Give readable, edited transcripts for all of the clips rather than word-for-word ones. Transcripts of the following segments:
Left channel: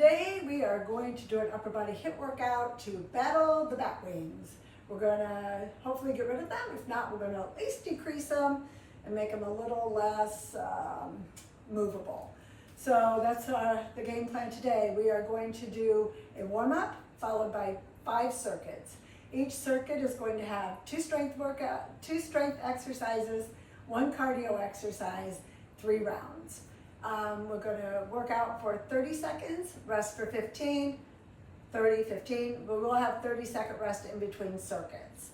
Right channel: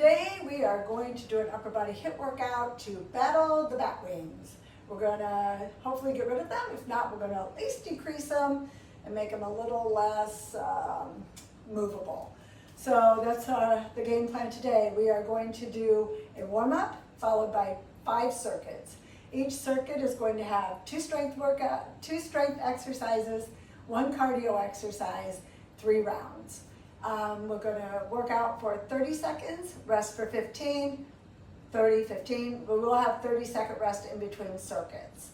today we are going to do an upper body HIIT workout to battle the back wings. We're going to hopefully get rid of them. If not, we're going to at least decrease them and make them a little less movable. So that's the game plan today. We are going to do a warm-up followed by 5 circuits. Each circuit is going to have 2 strength exercises, 1 cardio exercise, 3 rounds. We're going to work out for 30 seconds, rest for 15, 30, 15. We will have 30-second rest in between circuits.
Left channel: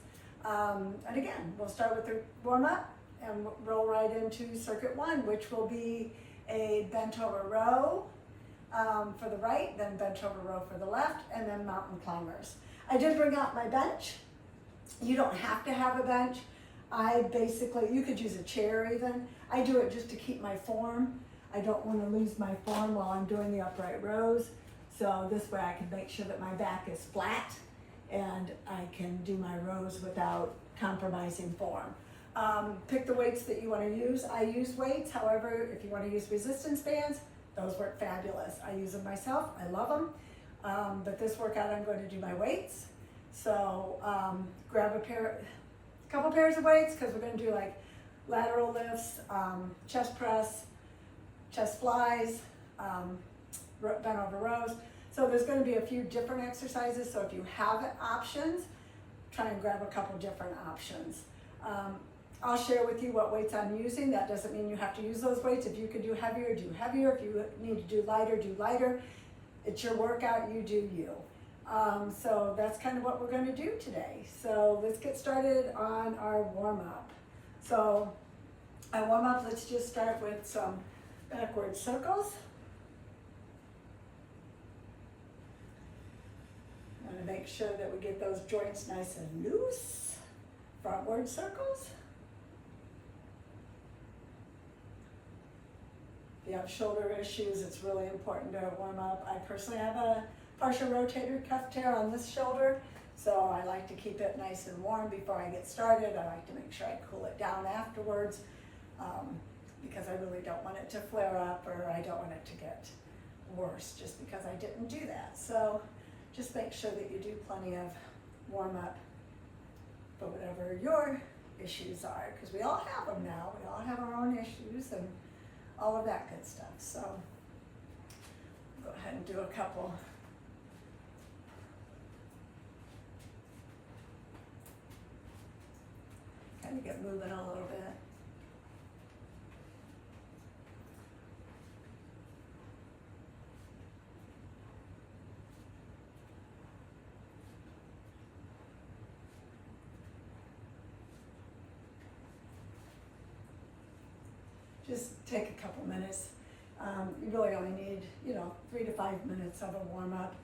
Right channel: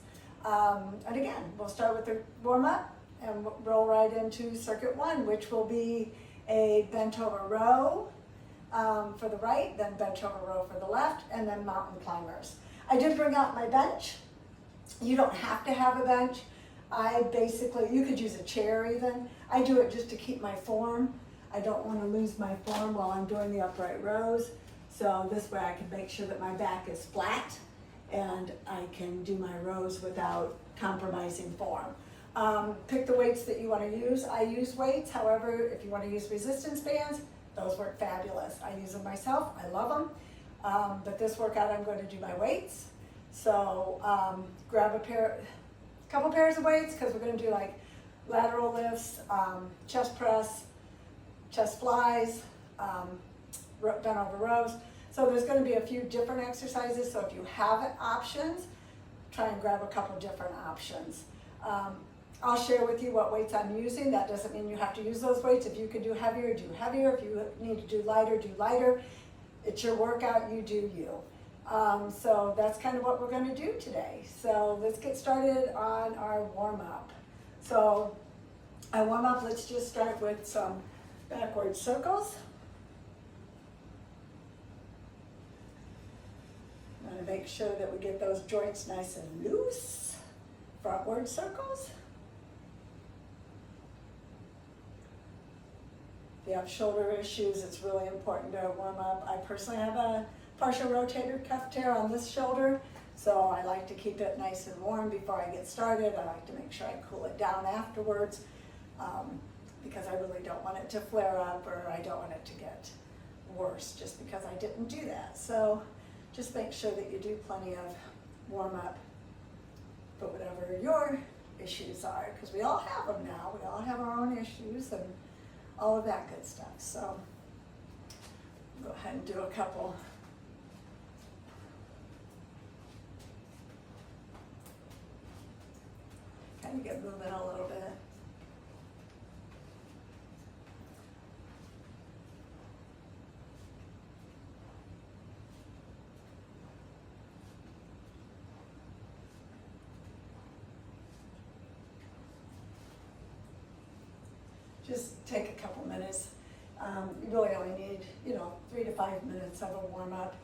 And again, we'll start with the warm-up and roll right into circuit 1, which will be a bent over row for the right, then bent over row for the left, and then mountain climbers. I did bring out my bench. You don't have to have a bench. You could use a chair even. I do it just to keep my form. I don't want to lose my form while I'm doing the upright rows. So this way I can make sure that my back is flat and I can do my rows without compromising form. Pick the weights that you want to use. I use weights. However, if you want to use resistance bands, those work fabulous. I use them myself. I love them. But this workout, I'm going to do my weights. So grab a couple pairs of weights because we're going to do like lateral lifts, chest press, chest flies, bent over rows. So there's going to be a few different exercises. So if you have options, try and grab a couple different options. I'll share with you what weights I'm using. That doesn't mean you have to use those weights. If you can do heavier, do heavier. If you need to do lighter, do lighter. It's your workout, you do you. So that's kind of what we're going to do today. So let's get started on our warm-up. So our warm-up, let's just start with some backward circles. I'm going to make sure that we get those joints nice and loose. Frontward circles. If you have shoulder issues, it's really important to warm up. I personally have a partial rotator cuff tear on this shoulder, so I like to keep it nice and warm before I get started. I like to make sure I cool it down afterwards because I really don't want it to flare up or I don't want it to get worse just because I didn't do that. So just make sure that you do plenty of warm up for whatever your issues are, because we all have them now. We all have our own issues and all of that good stuff. So go ahead and do a couple. Kind of get moving a little bit. Just take a couple minutes. You really only need, 3 to 5 minutes of a warm-up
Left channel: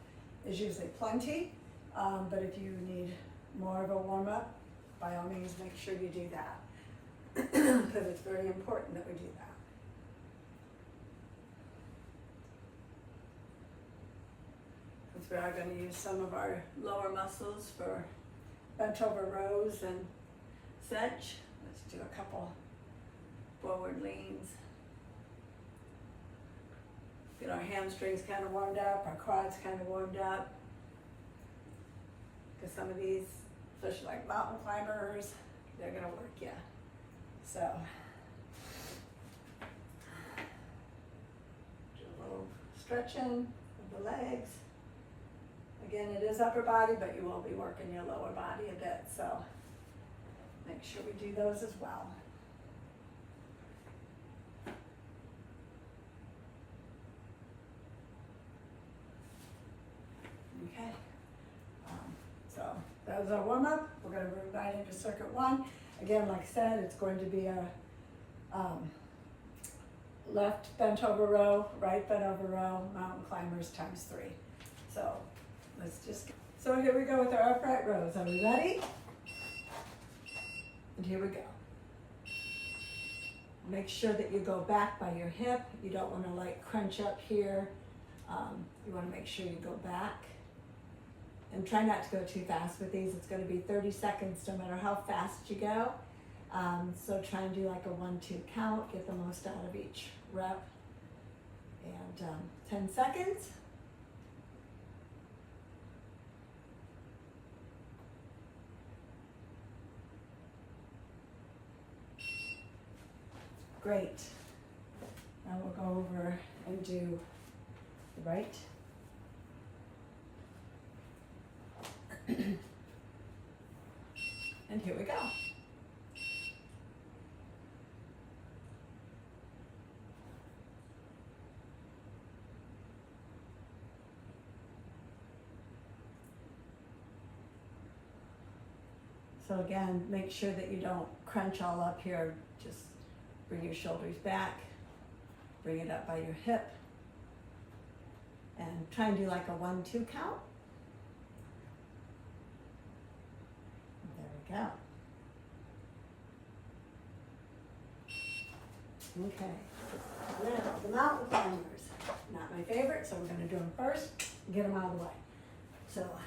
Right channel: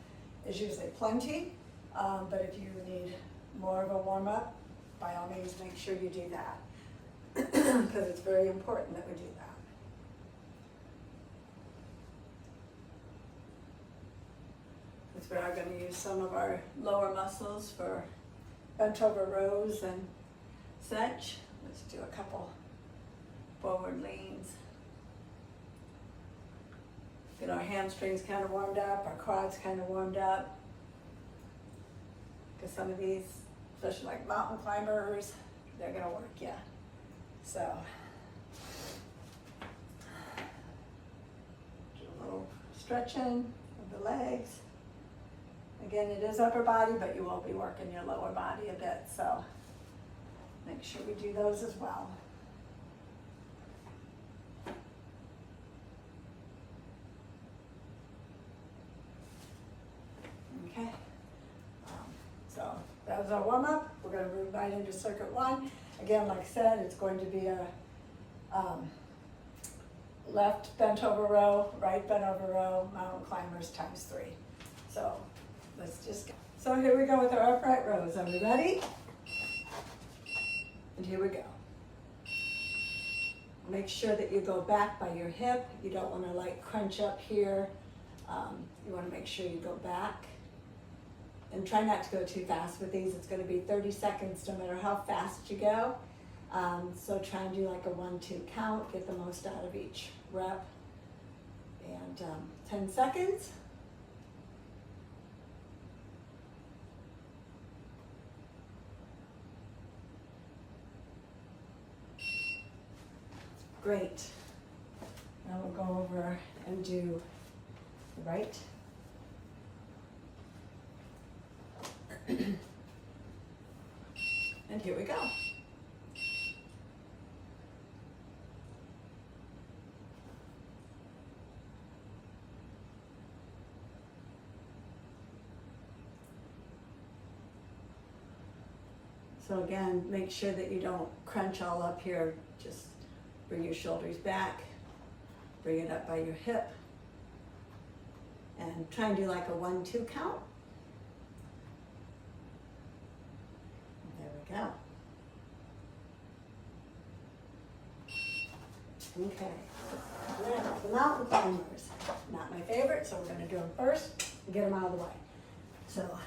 is usually plenty. But if you need more of a warm-up, by all means, make sure you do that because it's very important that we do that. Because we are going to use some of our lower muscles for bent over rows and such. Let's do a couple forward leans. Get our hamstrings kind of warmed up, our quads kind of warmed up. Because some of these, especially like mountain climbers, they're gonna work you. So, do a little stretching of the legs. Again, it is upper body, but you will be working your lower body a bit. So, make sure we do those as well. Okay, so that was our warm-up. We're going to move right into circuit 1. Again, like I said, it's going to be a left bent over row, right bent over row, mountain climbers times 3. So let's just go. So here we go with our upright rows. Are we ready? And here we go. Make sure that you go back by your hip. You don't want to like crunch up here. You want to make sure you go back. And try not to go too fast with these. It's going to be 30 seconds no matter how fast you go. So try and do like a 1-2 count, get the most out of each rep. And 10 seconds. Great. Now we'll go over and do the right. And here we go. So again, make sure that you don't crunch all up here. Just bring your shoulders back, bring it up by your hip, and try and do like a 1-2 count. There we go. Okay, now the mountain climbers. Not my favorite, so we're gonna do them first and get them out of the way. So,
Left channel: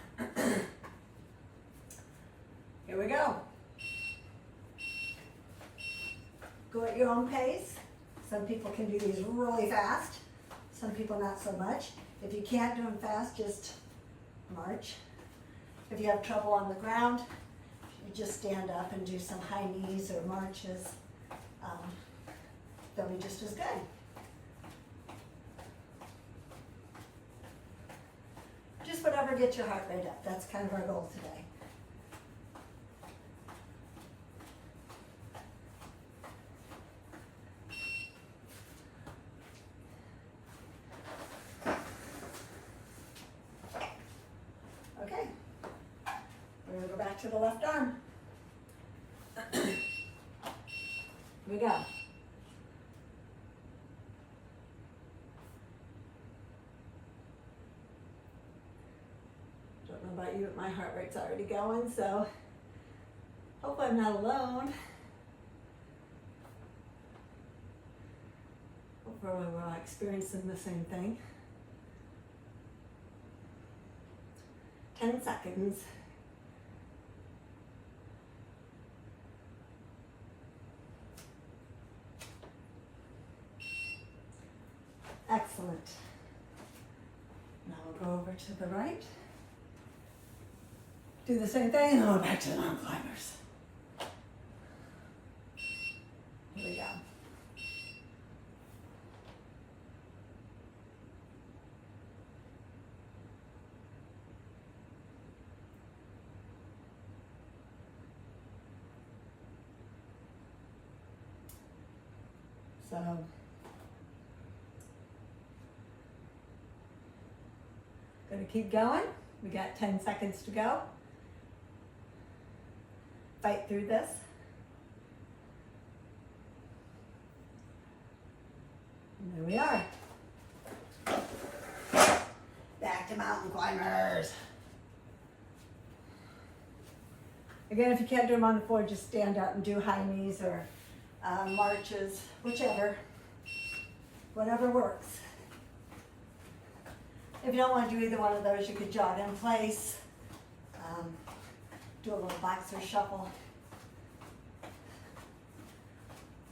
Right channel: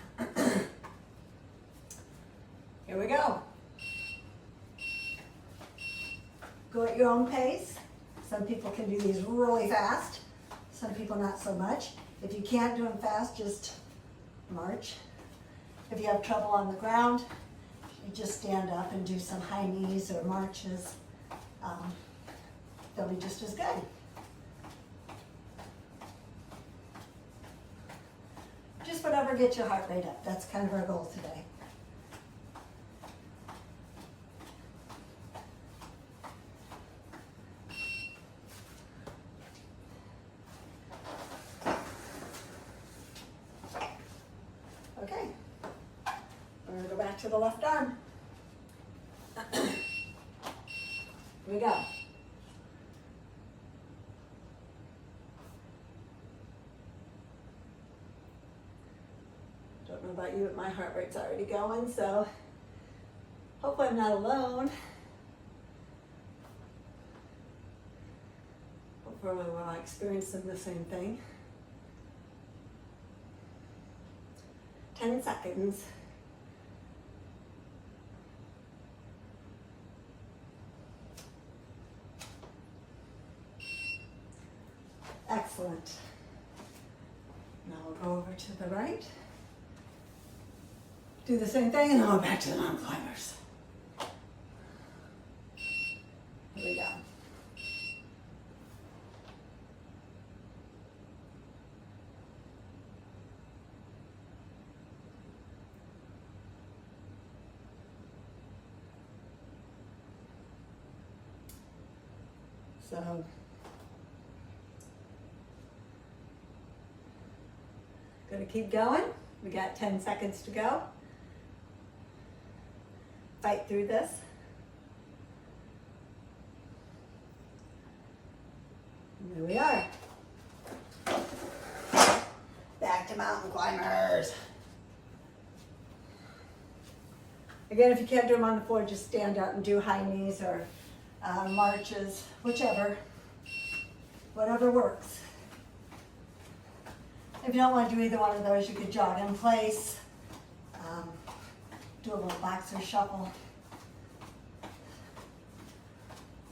here we go. Go at your own pace. Some people can do these really fast. Some people not so much. If you can't do them fast, just march. If you have trouble on the ground, you just stand up and do some high knees or marches. They'll be just as good. Just whatever gets your heart rate up. That's kind of our goal today. Okay, we're going to go back to the left arm. Here we go. Don't know about you, but my heart rate's already going, so hopefully I'm not alone. Hopefully we're all experiencing the same thing. 10 seconds. Excellent. Now we'll go over to the right. Do the same thing and then we're back to the mountain climbers. Here we go. So, gonna keep going. We got 10 seconds to go. Fight through this. And there we are. Back to mountain climbers. Again, if you can't do them on the floor, just stand up and do high knees or marches, whichever, whatever works. If you don't want to do either one of those, you could jog in place, do a little boxer shuffle,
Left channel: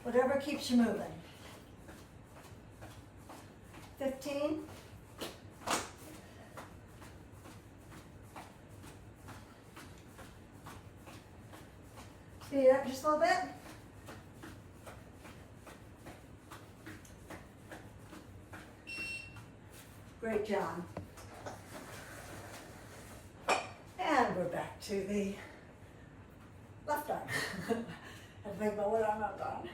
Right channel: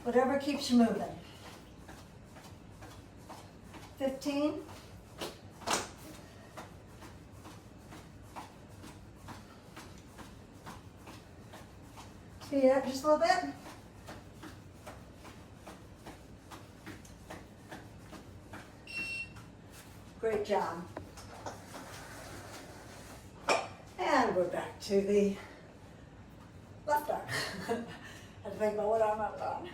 whatever keeps you moving. 15. Speed it up just a little bit. Great job. And we're back to the left arm. I had to think about what arm I was on.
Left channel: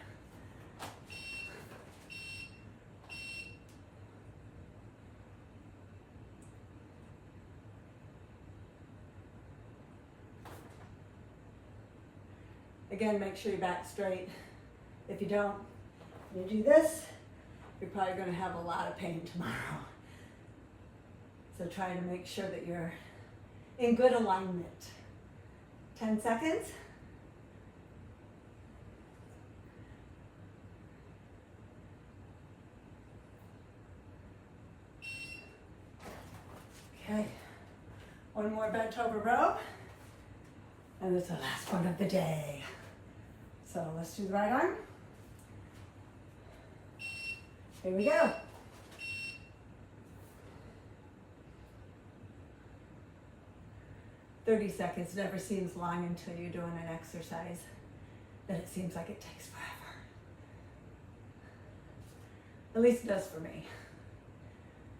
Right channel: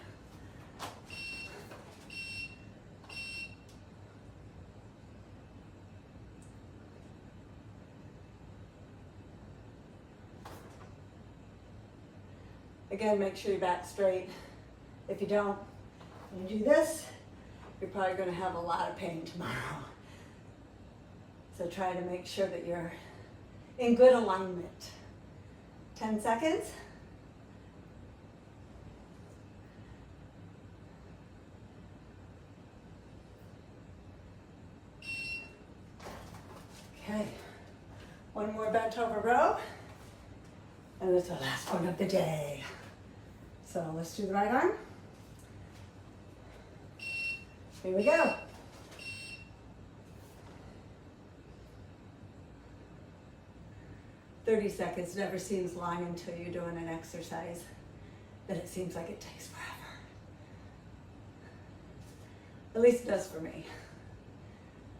Again, make sure your back's straight. If you don't, you do this, you're probably going to have a lot of pain tomorrow. So try to make sure that you're in good alignment. 10 seconds. Okay, one more bent over row. And it's the last one of the day. So let's do the right arm. Here we go. 30 seconds never seems long until you're doing an exercise, then it seems like it takes forever. At least it does for me.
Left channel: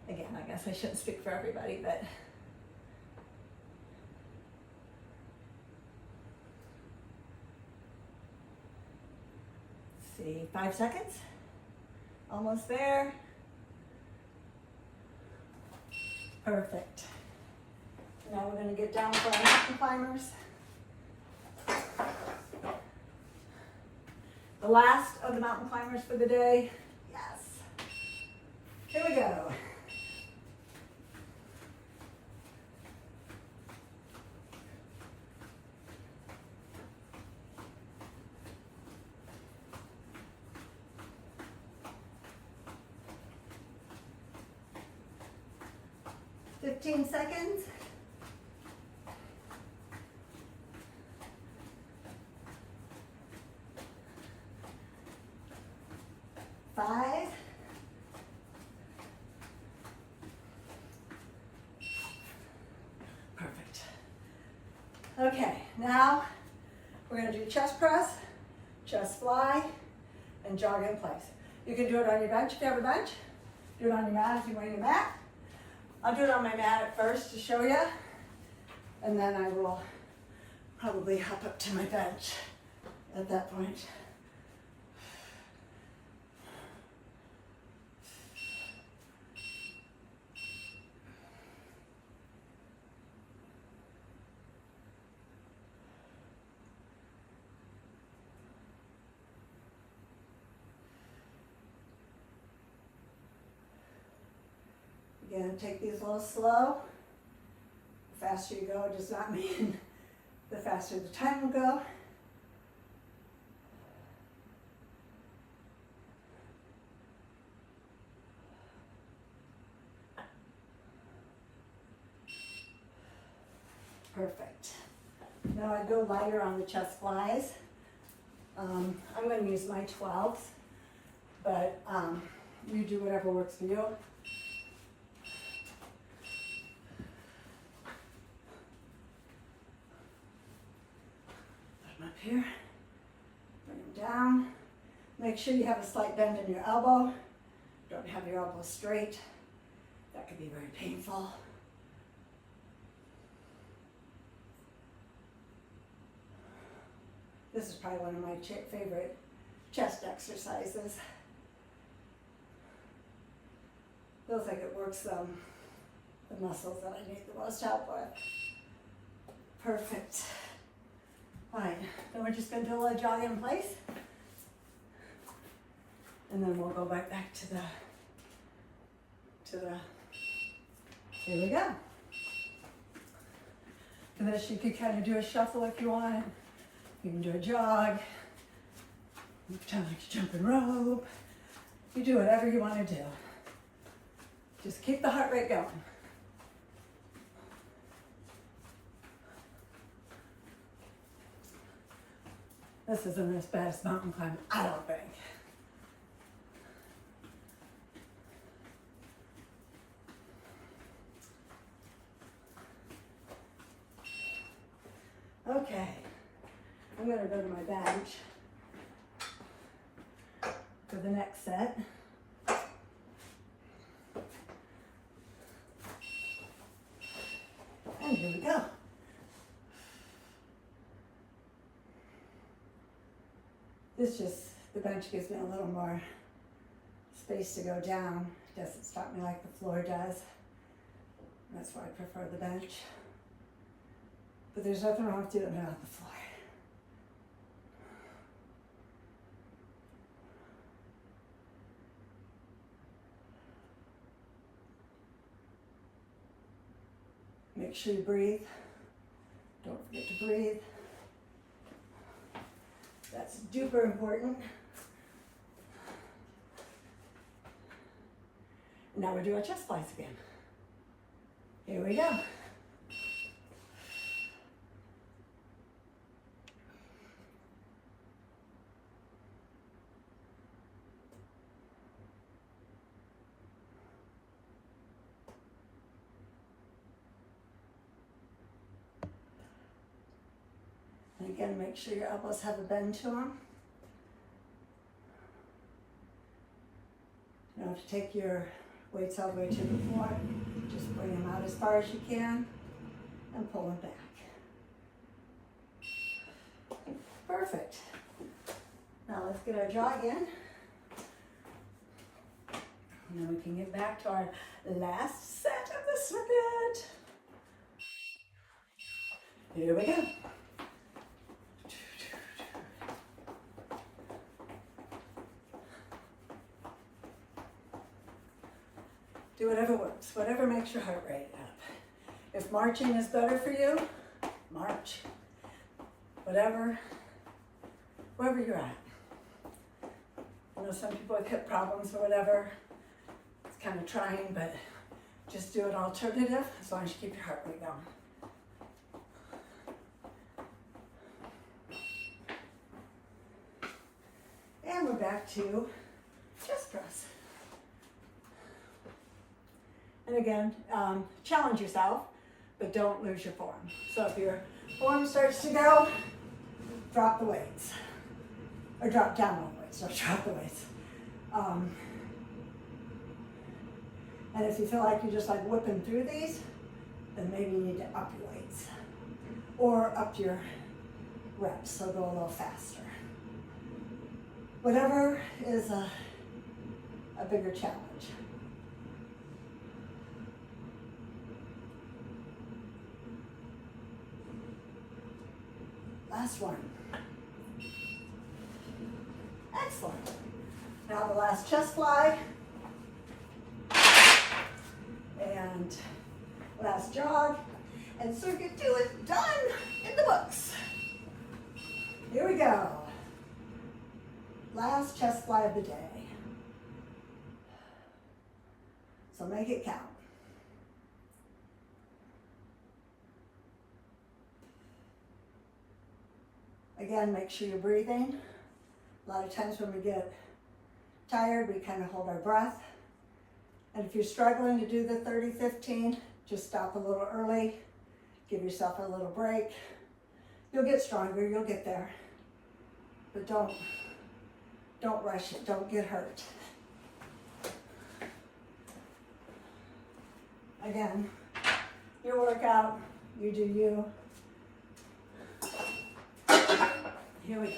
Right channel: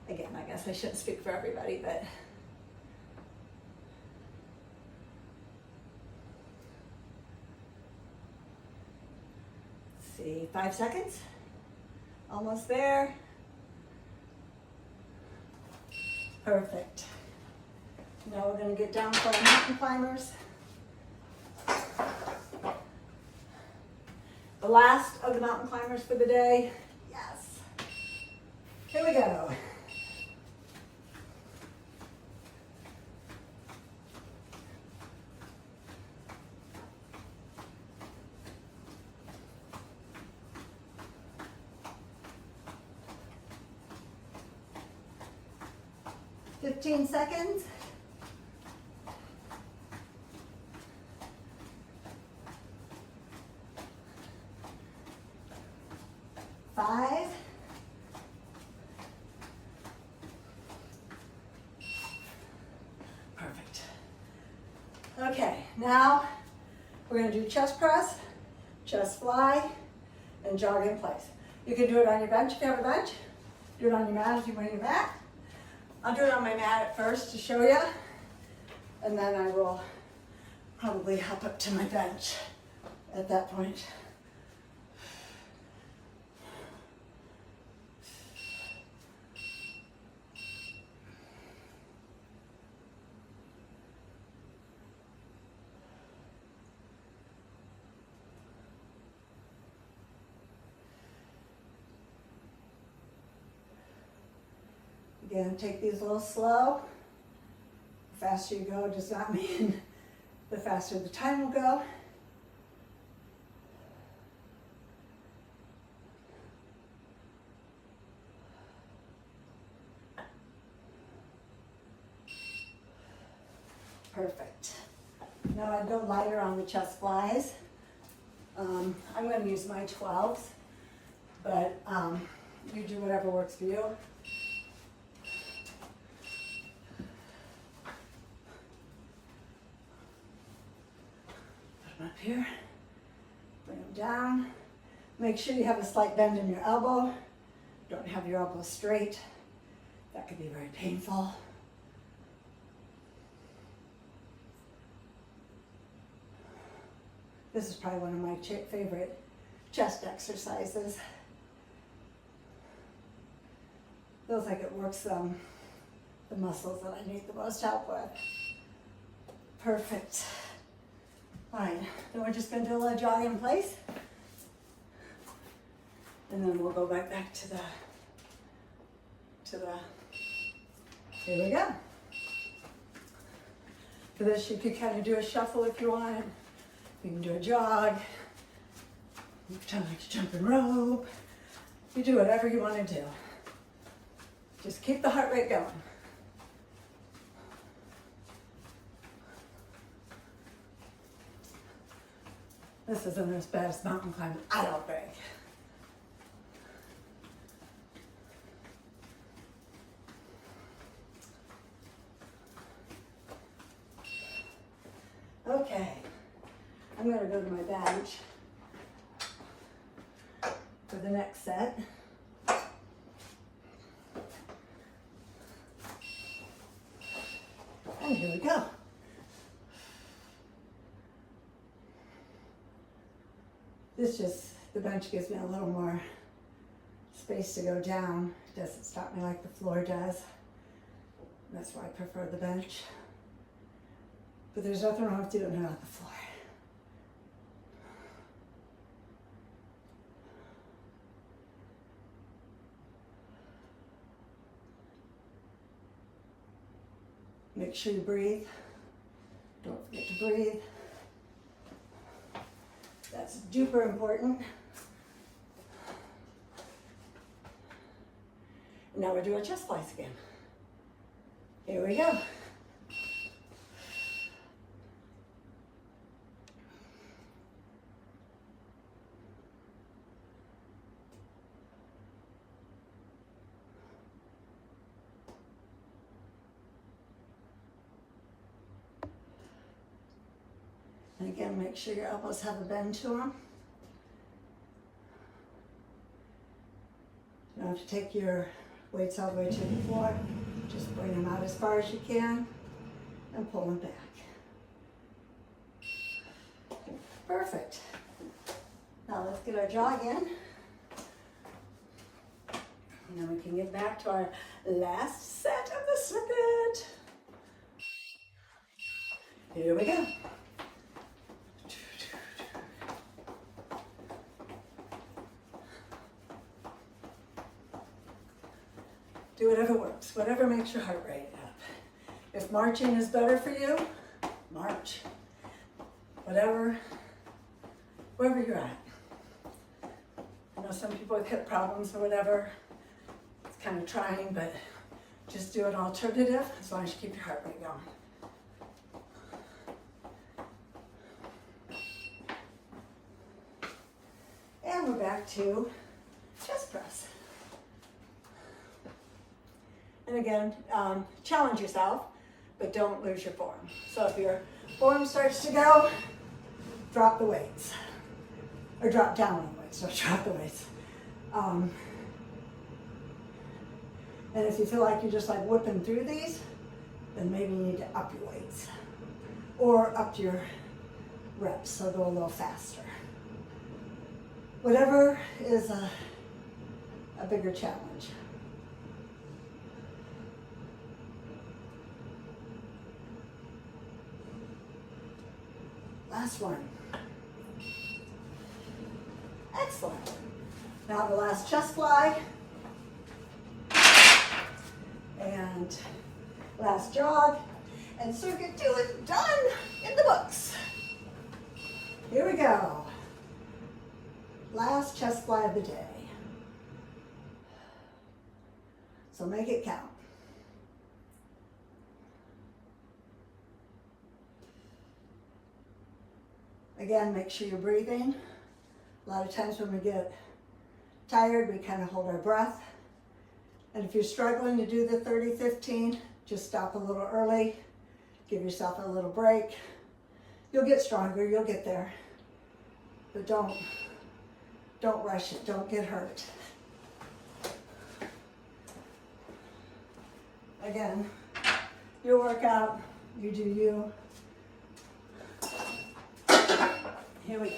Again, I guess I shouldn't speak for everybody, but let's see, 5 seconds. Almost there. Perfect. Now we're going to get down for our mountain climbers. The last of the mountain climbers for the day. Yes. Here we go. Fifteen seconds. 5. Perfect. Okay, now we're going to do chest press, chest fly, and jog in place. You can do it on your bench if you have a bench. Do it on your mat if you want your mat. I'll do it on my mat at first to show you, and then I will probably hop up to my bench at that point. Again, take these a little slow. The faster you go does not mean the faster the time will go. Perfect. Now I go lighter on the chest flies. I'm going to use my 12s, but you do whatever works for you. Up here, bring them down. Make sure you have a slight bend in your elbow. Don't have your elbow straight. That could be very painful. This is probably one of my favorite chest exercises. Feels like it works the muscles that I need the most help with. Perfect. Fine, then we're just going to do a little jog in place. And then we'll go right back to the, here we go. For this, you could kind of do a shuffle if you want. You can do a jog. You pretend like you're jumping rope. You do whatever you want to do. Just keep the heart rate going. This isn't as bad as mountain climbing, I don't think. Okay, I'm going to go to my bench for the next set. And here we go. The bench gives me a little more space to go down. It doesn't stop me like the floor does. That's why I prefer the bench. But there's nothing wrong with doing it on the floor. Make sure you breathe. Don't forget to breathe. That's super important. Now we're doing chest flies again. Here we go. And again, make sure your elbows have a bend to them. Now have to take your weights all the way to the floor. Just bring them out as far as you can and pull them back. Perfect. Now let's get our jog in. And then we can get back to our last set of the circuit. Here we go. Do whatever works, whatever makes your heart rate up. If marching is better for you, march. Wherever you're at. I know some people with hip problems or whatever, it's kind of trying, but just do an alternative as long as you keep your heart rate going. And we're back to chest press. And again, challenge yourself, but don't lose your form. So if your form starts to go, drop the weights. Or drop down on the weights, don't drop the weights. And if you feel like you're just like whipping through these, then maybe you need to up your weights. Or up your reps, so go a little faster. Whatever is a bigger challenge. Last one. Excellent. Now the last chest fly. And last jog. And circuit 2 is done in the books. Here we go. Last chest fly of the day. So make it count. Again, make sure you're breathing. A lot of times when we get tired, we kind of hold our breath. And if you're struggling to do the 30-15, just stop a little early. Give yourself a little break. You'll get stronger, you'll get there. But don't rush it, don't get hurt. Again, your workout, you do you. Here we go.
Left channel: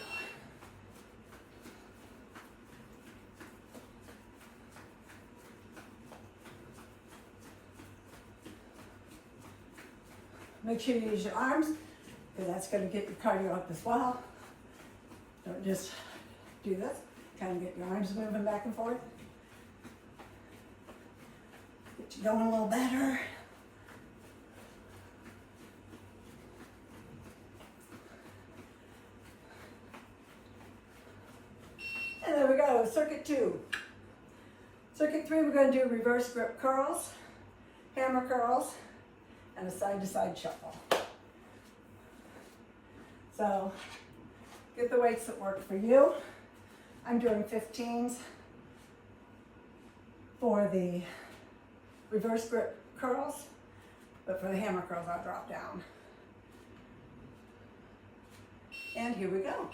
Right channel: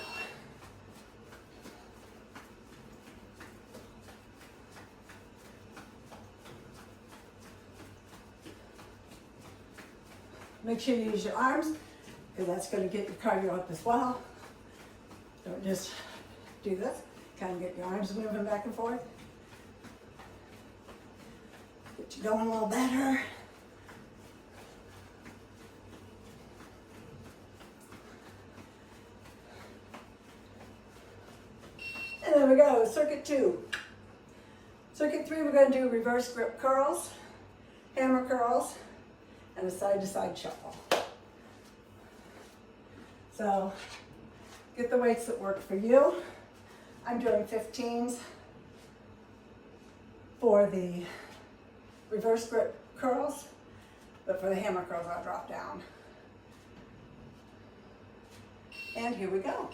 Make sure you use your arms, because that's going to get your cardio up as well. Don't just do this. Kind of get your arms moving back and forth. Get you going a little better. And there we go, circuit 2. Circuit 3, we're going to do reverse grip curls, hammer curls, and a side-to-side shuffle. So get the weights that work for you. I'm doing 15s for the reverse grip curls, but for the hammer curls, I'll drop down. And here we go.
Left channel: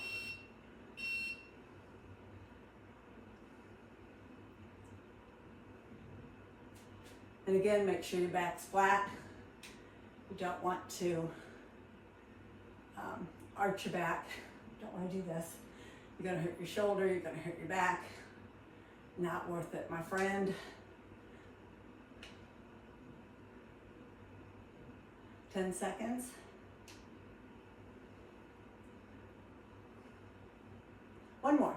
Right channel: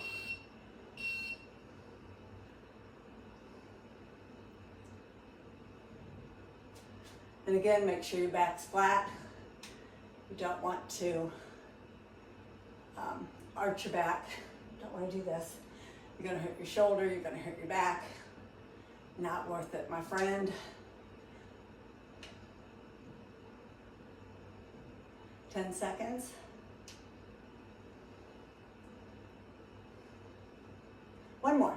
And again, make sure your back's flat. You don't want to arch your back. Don't want to do this. You're going to hurt your shoulder, you're going to hurt your back. Not worth it, my friend. 10 seconds. One more.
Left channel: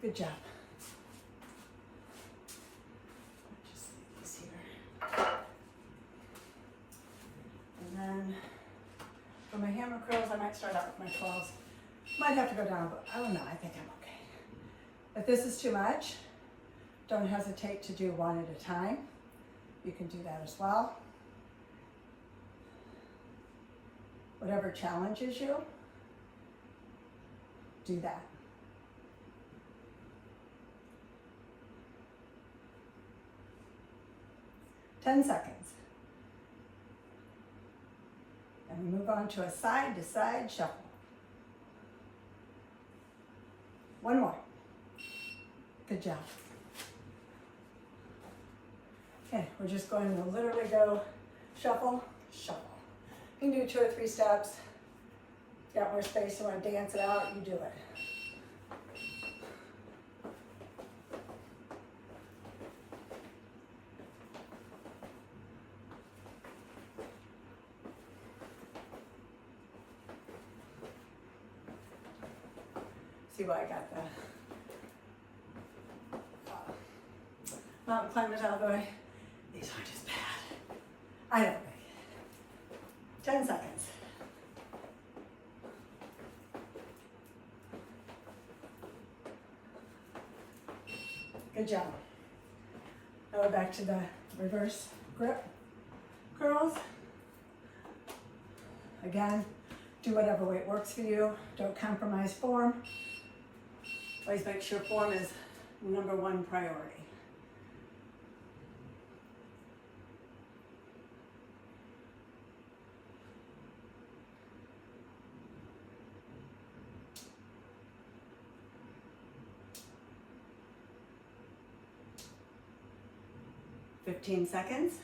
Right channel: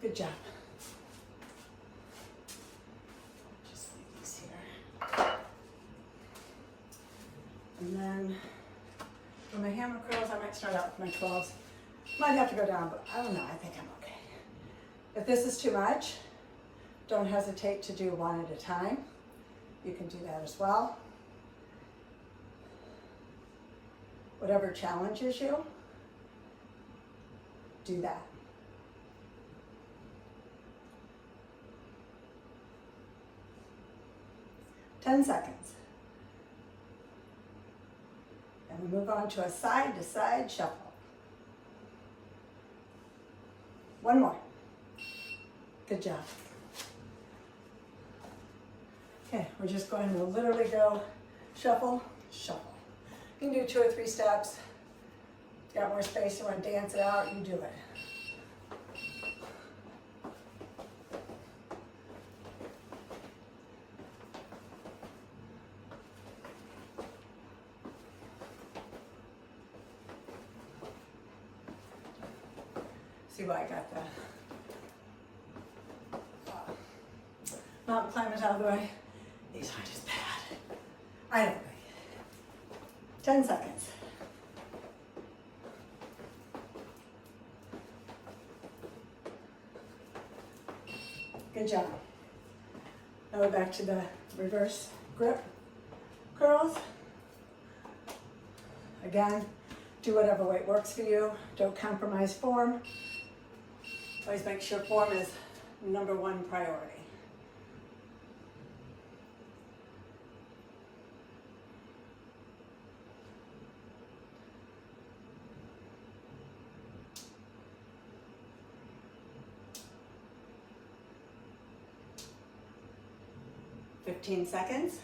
Good job. Just leave these here. And then for my hammer curls, I might start out with my 12s. Might have to go down, but I don't know, I think I'm okay. If this is too much, don't hesitate to do one at a time. You can do that as well. Whatever challenges you, do that. Ten seconds. And we move on to a side-to-side shuffle. One more. Good job. Okay, we're just going to literally go shuffle, shuffle. You can do 2 or 3 steps. Got more space, you want to dance it out, you do it. See why I got the mountain climbers out of the way. These are just bad. I don't think. 10 seconds. Good job. Now we're back to the reverse grip curls. Again, do whatever weight works for you. Don't compromise form. Always make sure form is #1 priority. Fifteen seconds.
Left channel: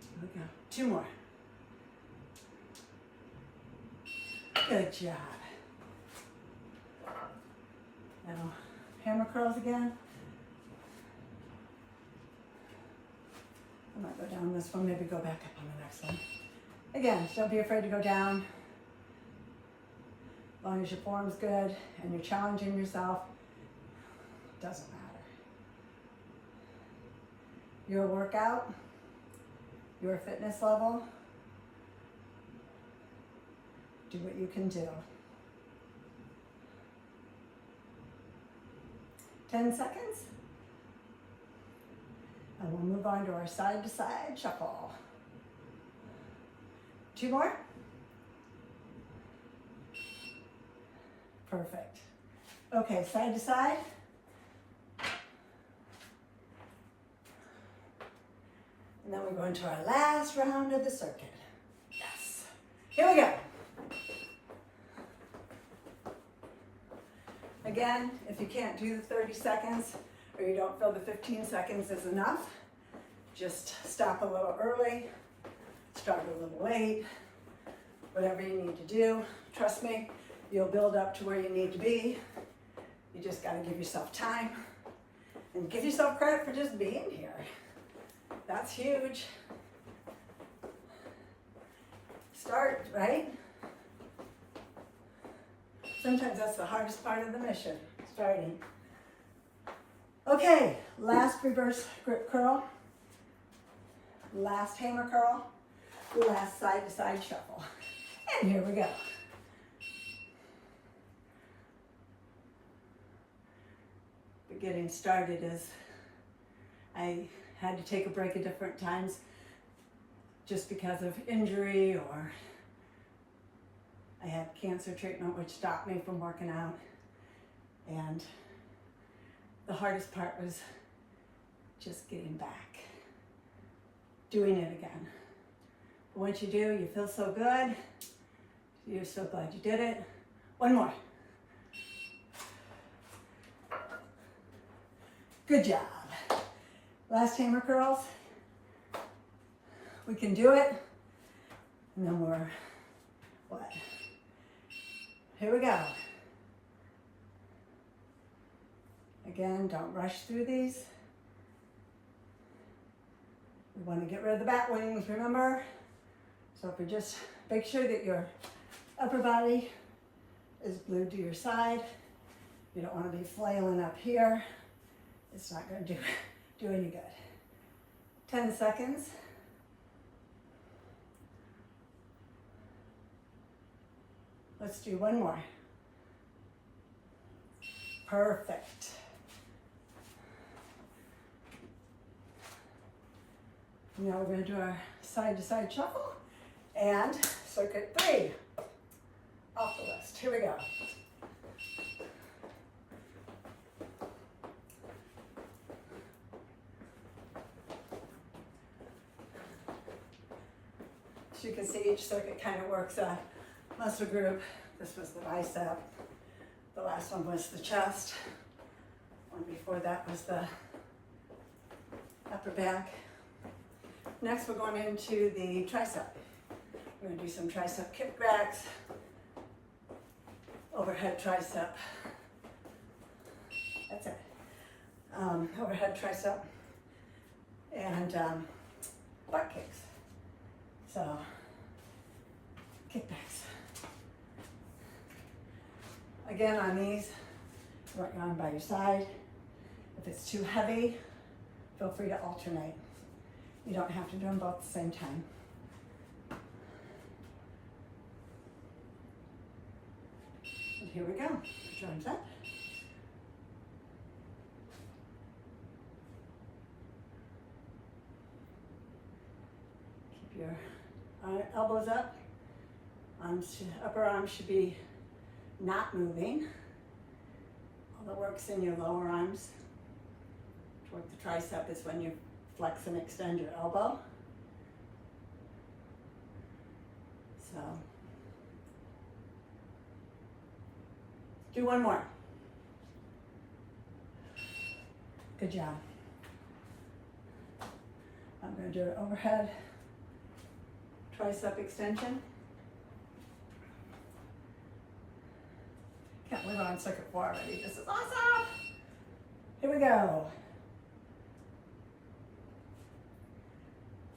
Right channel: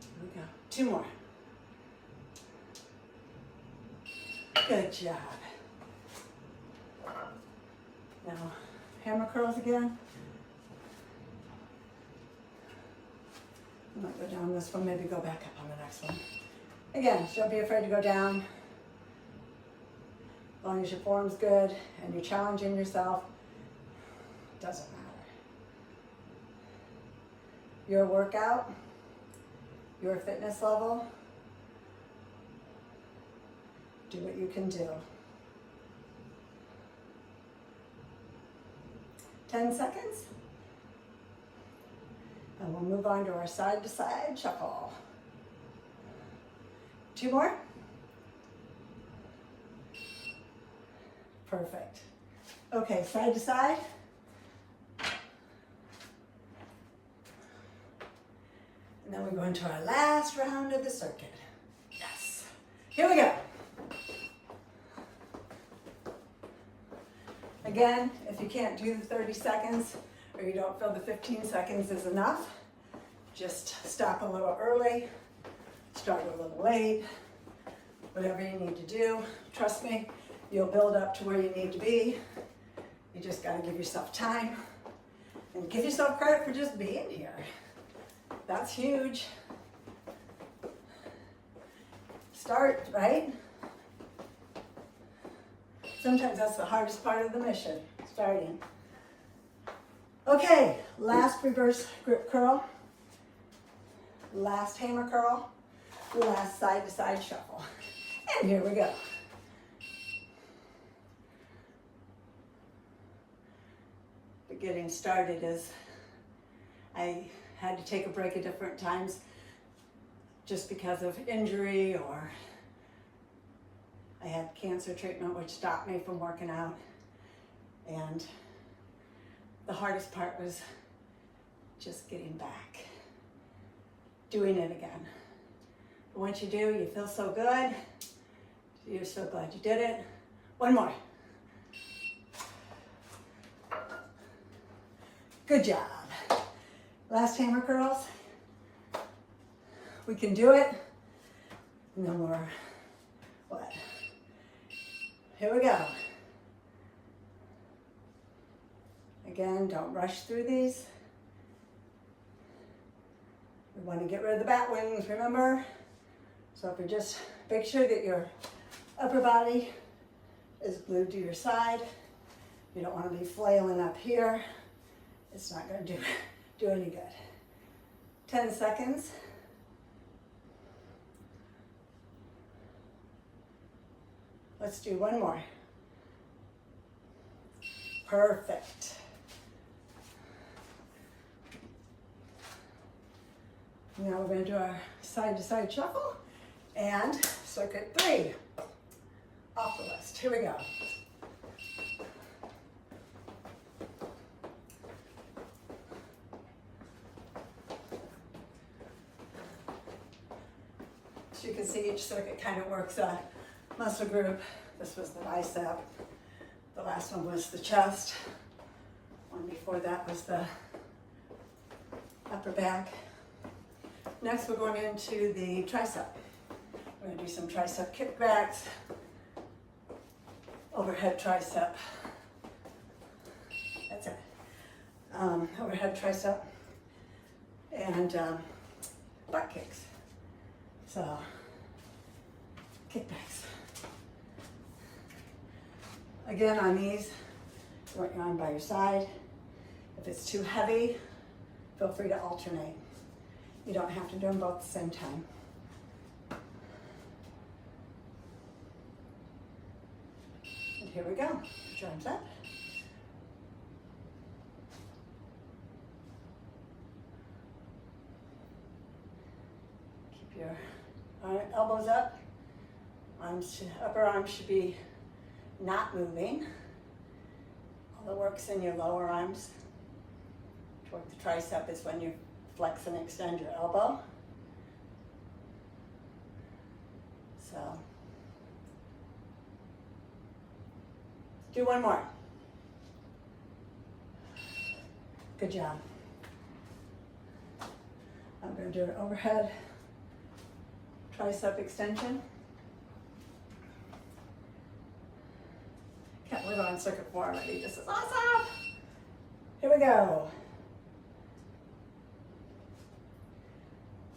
Here we go. 2 more. Good job. Now, hammer curls again. I might go down this one, maybe go back up on the next one. Again, don't be afraid to go down. As long as your form's good and you're challenging yourself, it doesn't matter. Your workout, your fitness level, do what you can do. 10 seconds. And we'll move on to our side to side shuffle. 2 more. Perfect. Okay, side to side. And then we're going to our last round of the circuit. Yes. Here we go. Again, if you can't do the 30 seconds or you don't feel the 15 seconds is enough, just stop a little early, start a little late, whatever you need to do. Trust me, you'll build up to where you need to be. You just got to give yourself time and give yourself credit for just being here. That's huge. Start, right? Sometimes that's the hardest part of the mission, starting. Okay, last reverse grip curl, last hammer curl, last side to side shuffle. And here we go. But getting started is, I had to take a break at different times just because of injury, or I had cancer treatment which stopped me from working out. And the hardest part was just getting back, doing it again. But once you do, you feel so good. You're so glad you did it. 1 more. Good job. Last hammer curls. We can do it. No more. What? Here we go. Again, don't rush through these. We want to get rid of the bat wings, remember? So if we just make sure that your upper body is glued to your side. You don't want to be flailing up here. It's not going to do any good. 10 seconds. Let's do 1 more. Perfect. Now we're going to do our side to side shuffle and circuit 3 off the list. Here we go. As you can see, each circuit kind of works a muscle group. This was the bicep. Last one was the chest. One before that was the upper back. Next, we're going into the tricep. We're going to do some tricep kickbacks, overhead tricep. That's it. Overhead tricep and butt kicks. So, kickbacks. Again, on these, you want your arm by your side. If it's too heavy, feel free to alternate. You don't have to do them both at the same time. And here we go. Put your arms up. Keep your elbows up. Upper arms should be not moving. All the work's in your lower arms. Toward the tricep is when you flex and extend your elbow. So, do one more. Good job. I'm going to do an overhead tricep extension. Can't believe I'm on circuit 4 already. This is awesome. Here we go.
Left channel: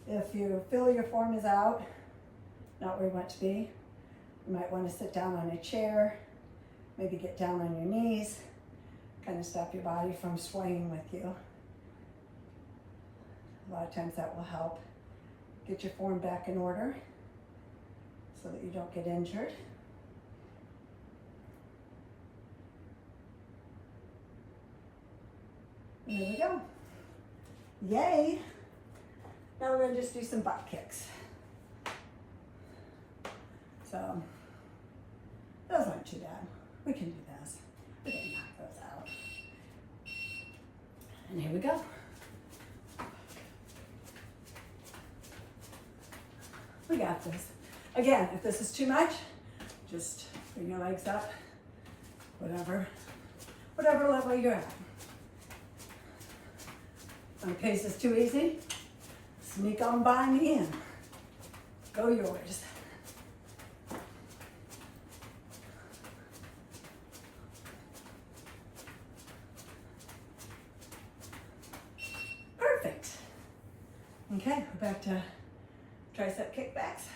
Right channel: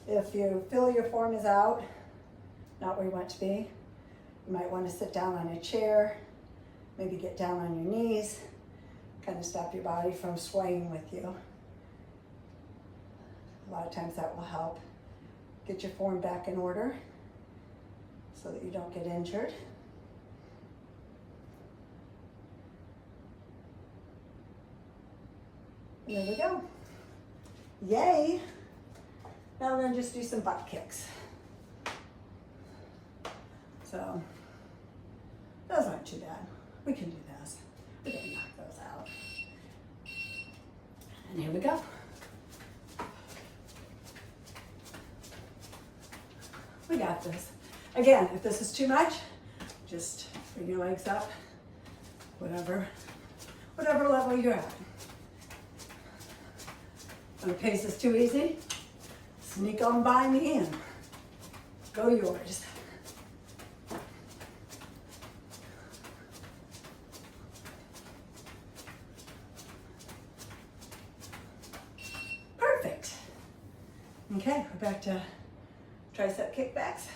If you feel your form is out, not where you want it to be, you might want to sit down on a chair, maybe get down on your knees, kind of stop your body from swaying with you. A lot of times that will help get your form back in order so that you don't get injured. And there we go. Yay! Now we're going to just do some butt kicks. So, those aren't too bad. We can do those. We can knock those out. And here we go. We got this. Again, if this is too much, just bring your legs up, whatever level you're at. In case it's too easy, sneak on by me and go yours. Perfect. Okay, we're back to tricep kickbacks.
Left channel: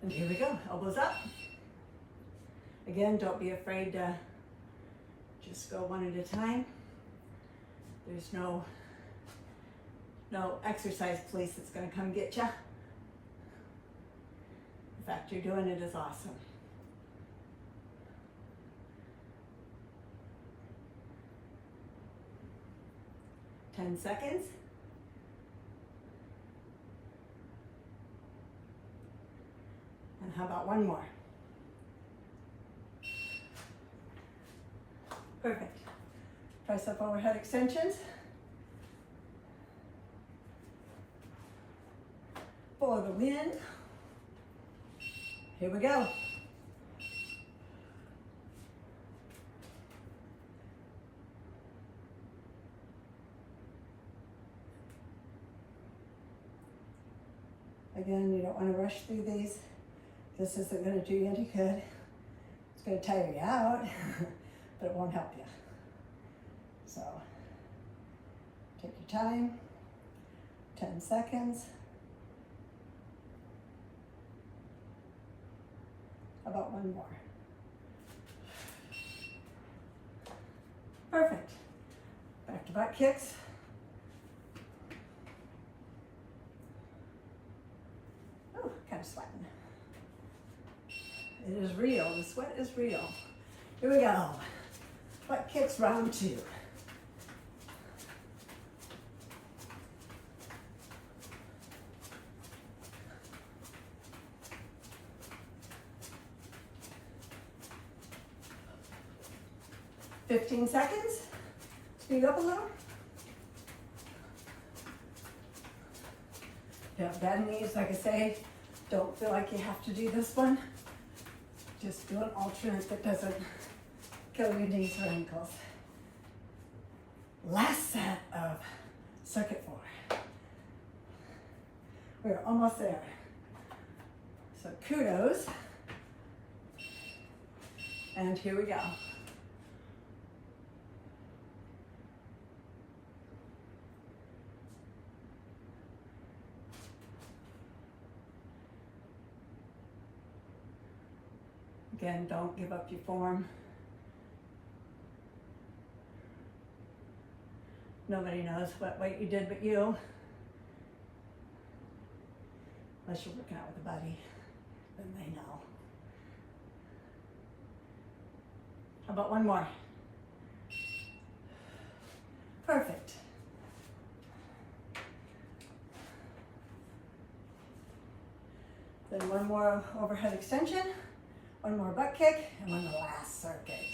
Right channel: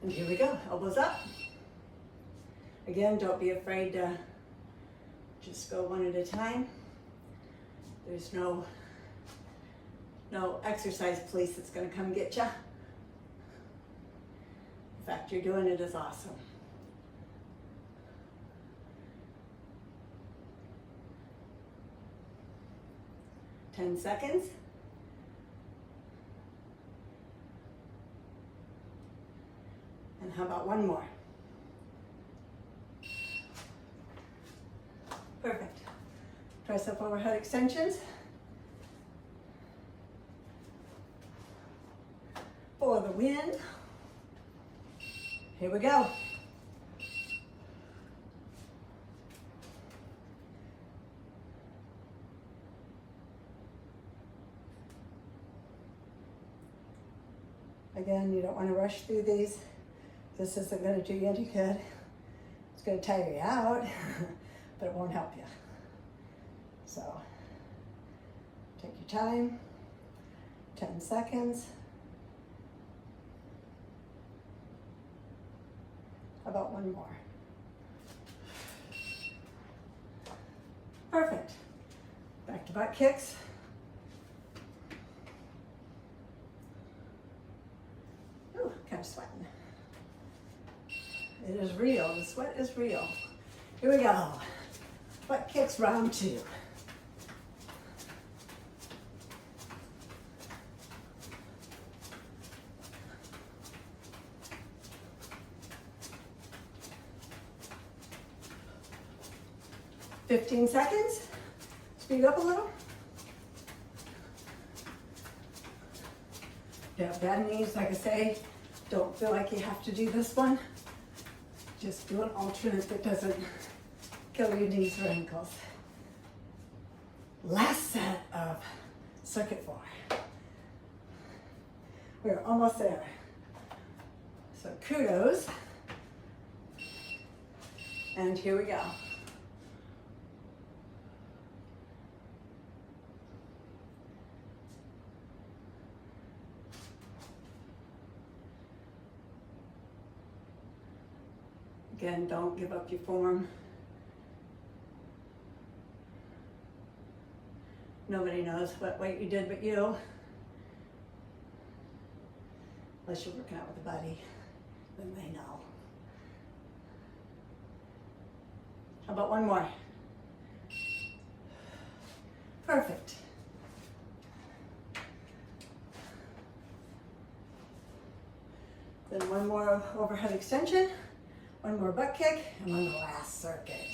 And here we go, elbows up. Again, don't be afraid to just go one at a time. There's no exercise police that's gonna come get you. The fact you're doing it is awesome. Ten seconds. And how about one more? Perfect. Tricep overhead extensions. For the win. Here we go. Again, you don't want to rush through these. This isn't going to do you any good. It's going to tire you out. But it won't help you. So, take your time, 10 seconds. How about one more? Perfect. Back to butt kicks. Ooh, kind of sweating. It is real, the sweat is real. Here we go. Butt kicks round 2. $15 seconds. Speed up a little. If you have bad knees, like I say, don't feel like you have to do this one. Just do an alternate that doesn't kill your knees or ankles. Last set of circuit 4. We're almost there. So kudos. And here we go. Again, don't give up your form. Nobody knows what weight you did but you. Unless you're working out with a buddy, then they know. How about one more? Perfect. Then one more overhead extension, one more butt kick, and one last circuit.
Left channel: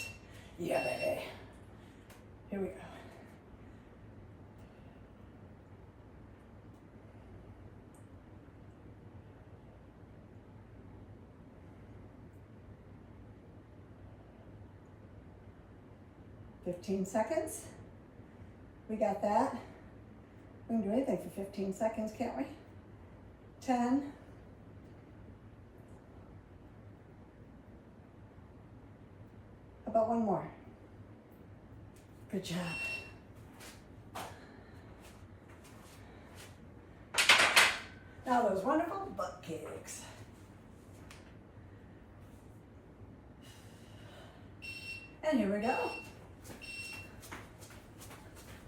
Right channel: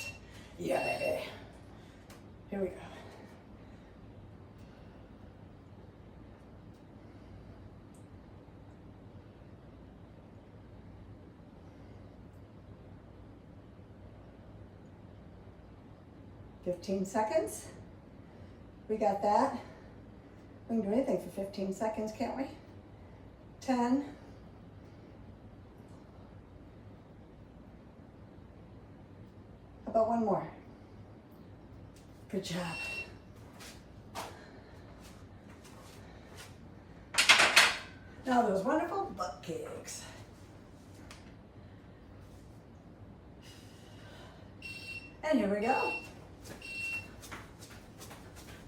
Yeah, baby. Here we go. $15 seconds. We got that. We can do anything for 15 seconds, can't we? 10. How about one more? Good job. Now those wonderful butt kicks. And here we go.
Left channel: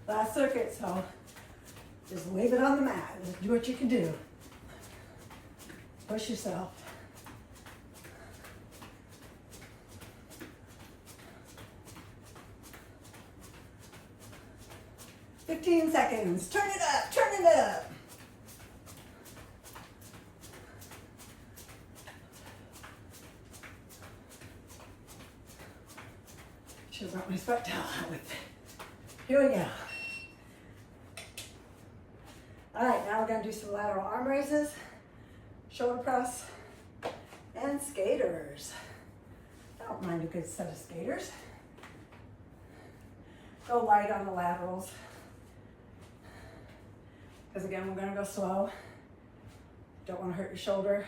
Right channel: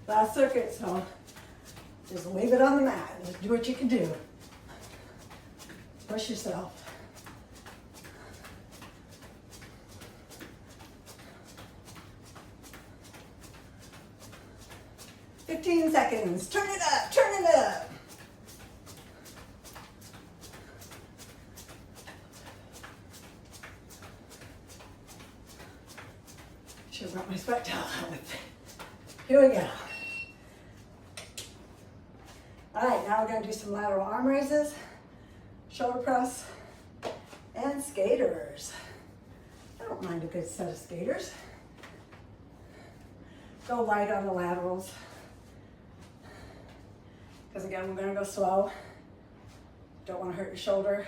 Last circuit, so just leave it on the mat. Just do what you can do. Push yourself. $15 seconds. Turn it up, turn it up. Should have brought my sweat towel out with me. Here we go. All right, now we're gonna do some lateral arm raises, shoulder press, and skaters. I don't mind a good set of skaters. Go light on the laterals. Because again, we're gonna go slow. Don't wanna hurt your shoulder.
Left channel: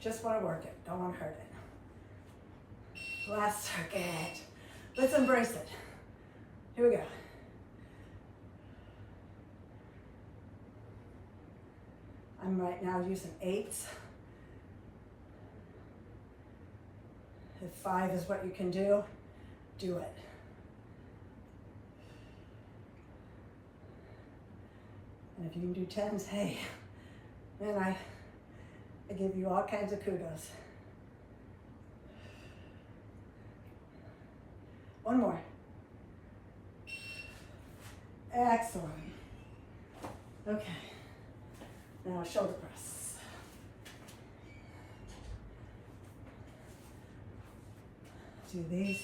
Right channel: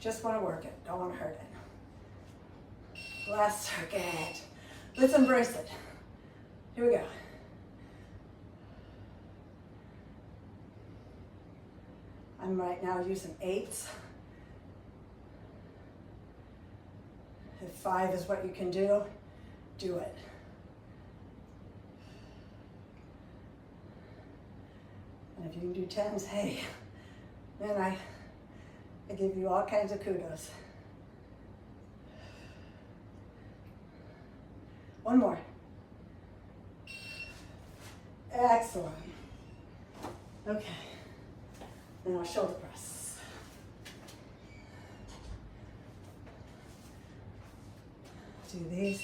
Just wanna work it, don't wanna hurt it. Last circuit. Let's embrace it. Here we go. I'm right now using 8s. If 5 is what you can do it. And if you can do 10s, hey, man, I give you all kinds of kudos. One more. Excellent. Okay. Now shoulder press. Do these.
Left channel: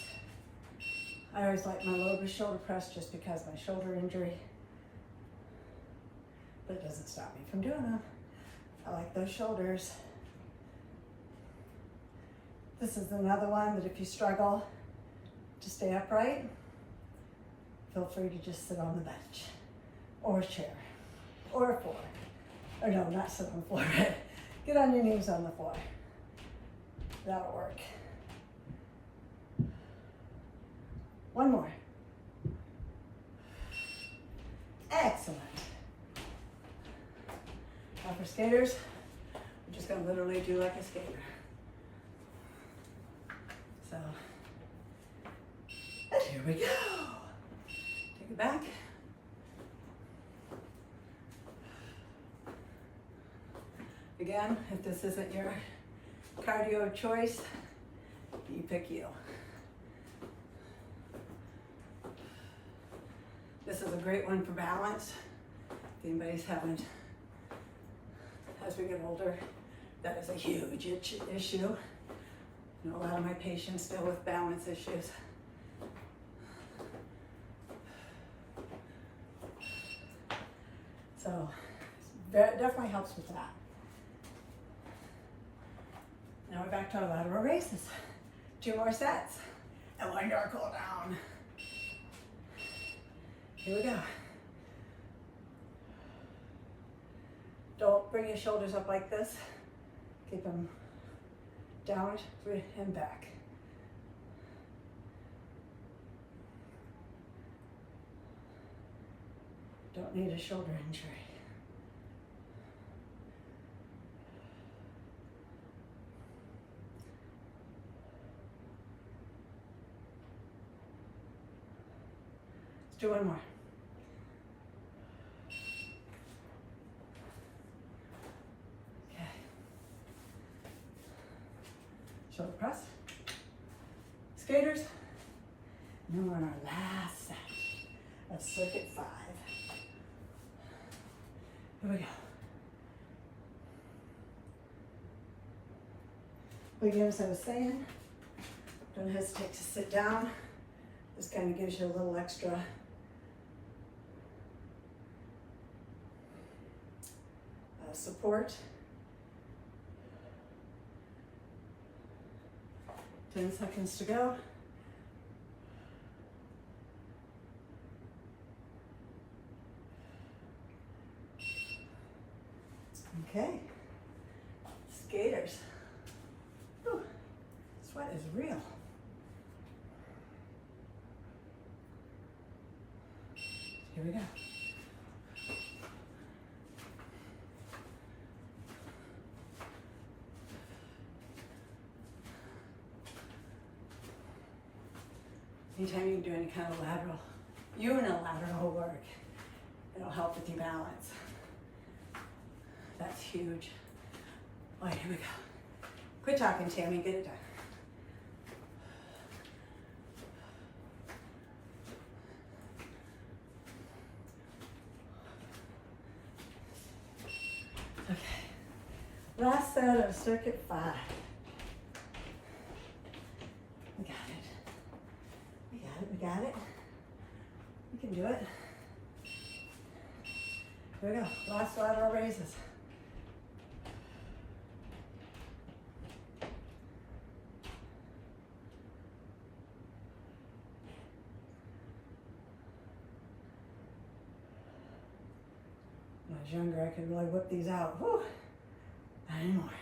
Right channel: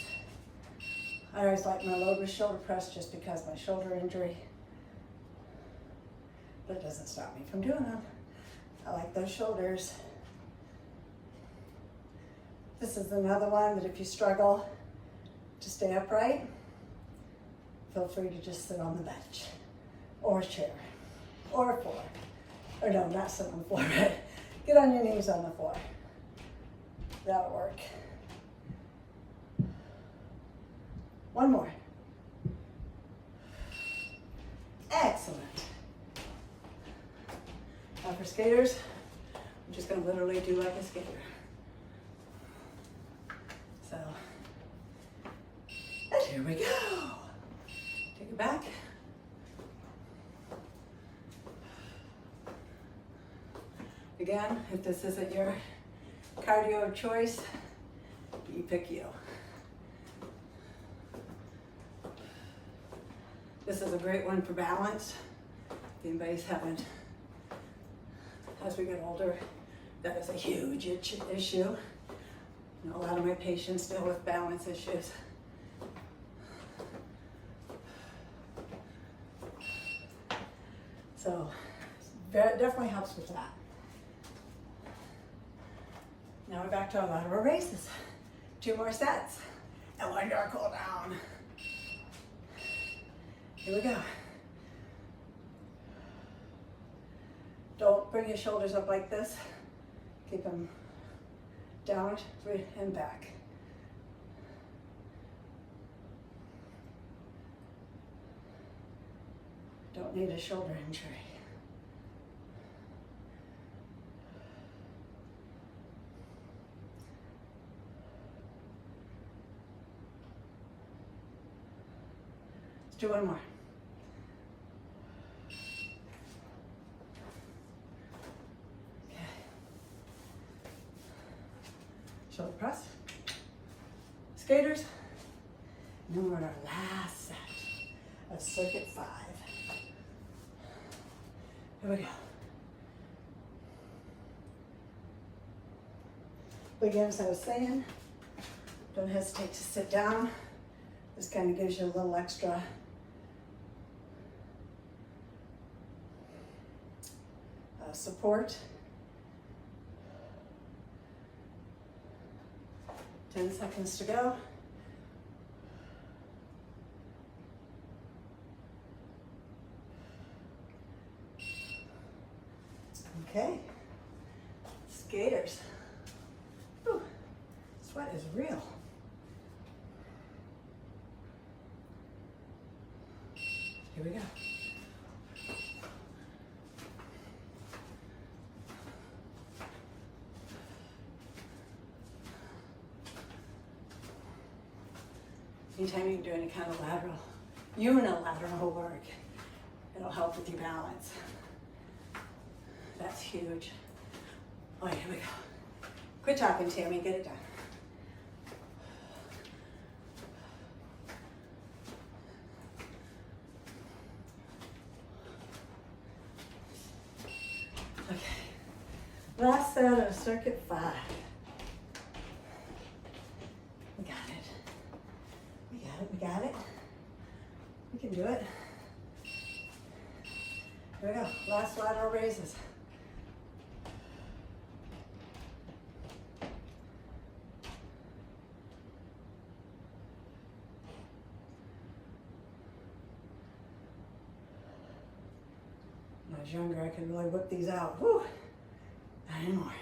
I always like my lower shoulder press just because of my shoulder injury. But it doesn't stop me from doing them. I like those shoulders. This is another one that if you struggle to stay upright, feel free to just sit on the bench or a chair or a floor. Or no, not sit on the floor, but get on your knees on the floor. That'll work. One more. Excellent. Now for skaters, I'm just gonna literally do like a skater. So, and here we go. Take it back. Again, if this isn't your cardio of choice, you pick you. This is a great one for balance. If anybody's having, as we get older, that is a huge issue. You know, a lot of my patients deal with balance issues. So So that definitely helps with that. Now we're back to our lateral raises. 2 more sets. And we're gonna cool down. Here we go. Don't bring your shoulders up like this. Keep them down and back. Don't need a shoulder injury. Let's do one more. Okay. Shoulder press. Skaters. And then we're on our last set of circuit 5. Here we go. Again, as I was saying, don't hesitate to sit down. This kind of gives you a little extra support. 10 seconds to go. Okay, skaters. Whew. Sweat is real. Here we go. Anytime you do any kind of lateral, unilateral work, it'll help with your balance. That's huge. All right, here we go. Quit talking, Tammy, get it done. Okay, last set of circuit 5. We got it. We got it, we got it. We can do it. Here we go, last lateral raises. When I was younger, I could really whip these out. Whew, not anymore.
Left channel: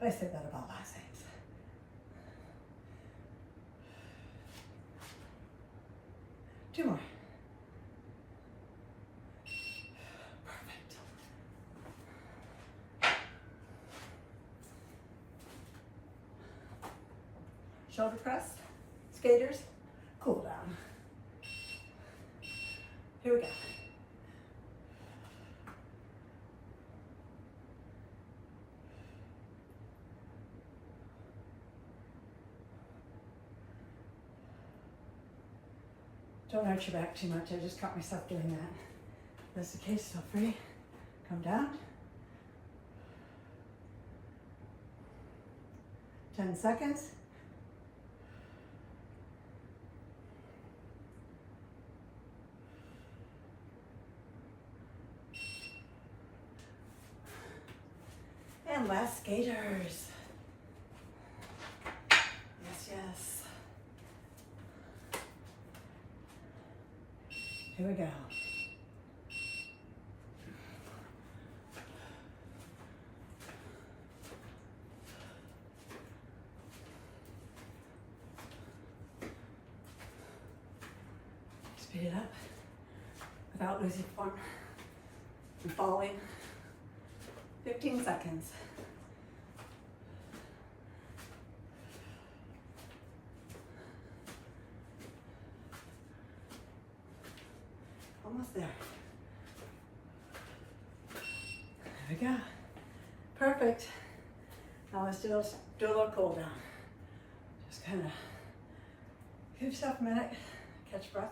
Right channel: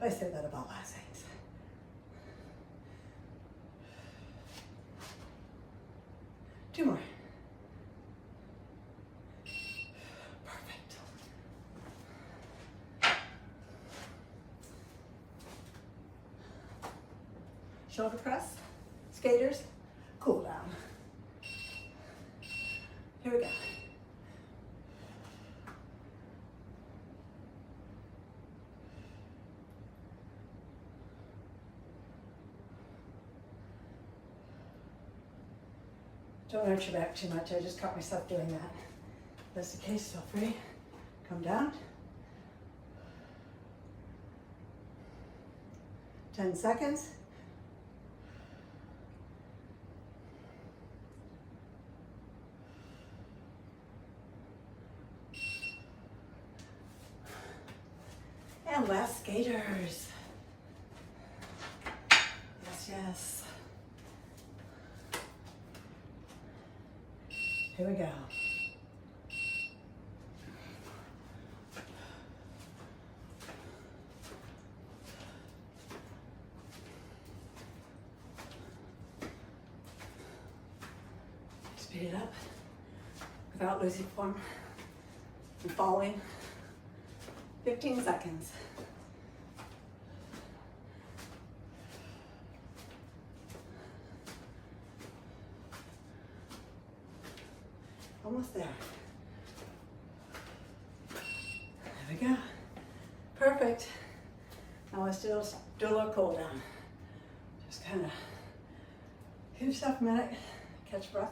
I said that about last things. Two more. Perfect. Shoulder press, skaters, cool down. Here we go. Don't hurt your back too much. I just caught myself doing that. If that's the case, feel free. Come down. 10 seconds. And last skaters. Yes, yes. Here we go. Speed it up without losing form and falling. 15 seconds. Almost there. There we go. Perfect. Now let's do a little cool down. Just kind of give yourself a minute, catch breath.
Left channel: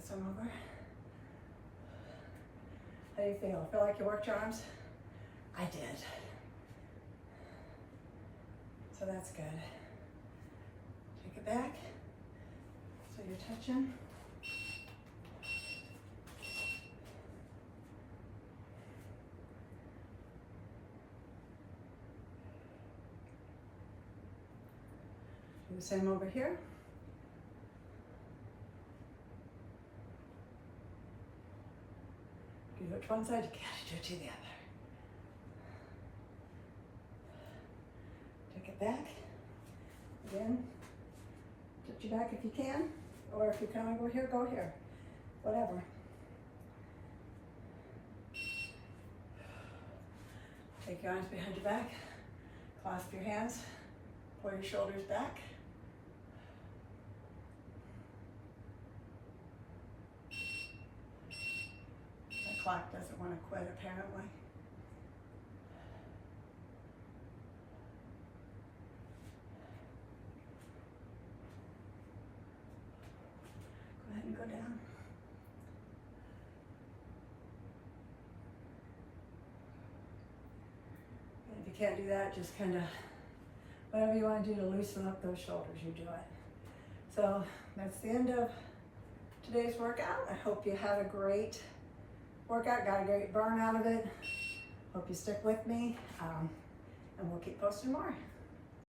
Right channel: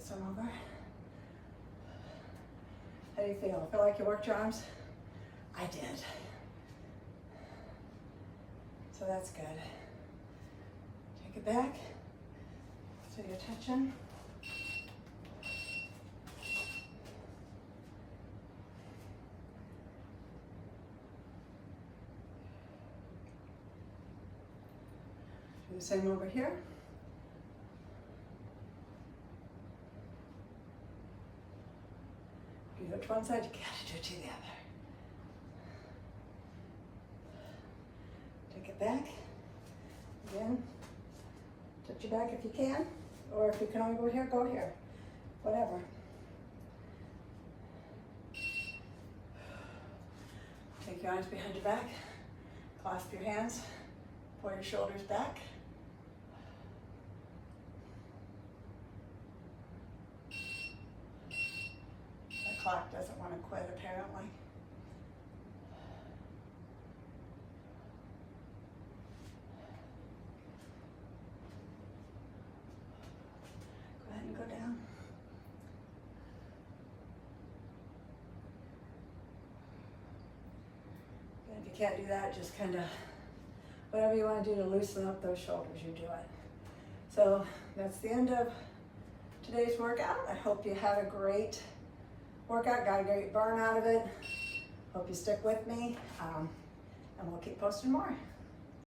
This one over. How do you feel? Feel like you worked your arms? I did. So that's good. Take it back. So you're touching. Do the same over here. You do it to one side, you gotta do it to the other. Take it back. Again, touch your back if you can, or if you can only go here, go here. Whatever. Take your arms behind your back, clasp your hands, pull your shoulders back. The clock doesn't want to quit, apparently. Go ahead and go down. And if you can't do that, just kind of, whatever you want to do to loosen up those shoulders, you do it. So that's the end of today's workout. I hope you had a great workout, got a great burn out of it. Hope you stick with me, and we'll keep posting more.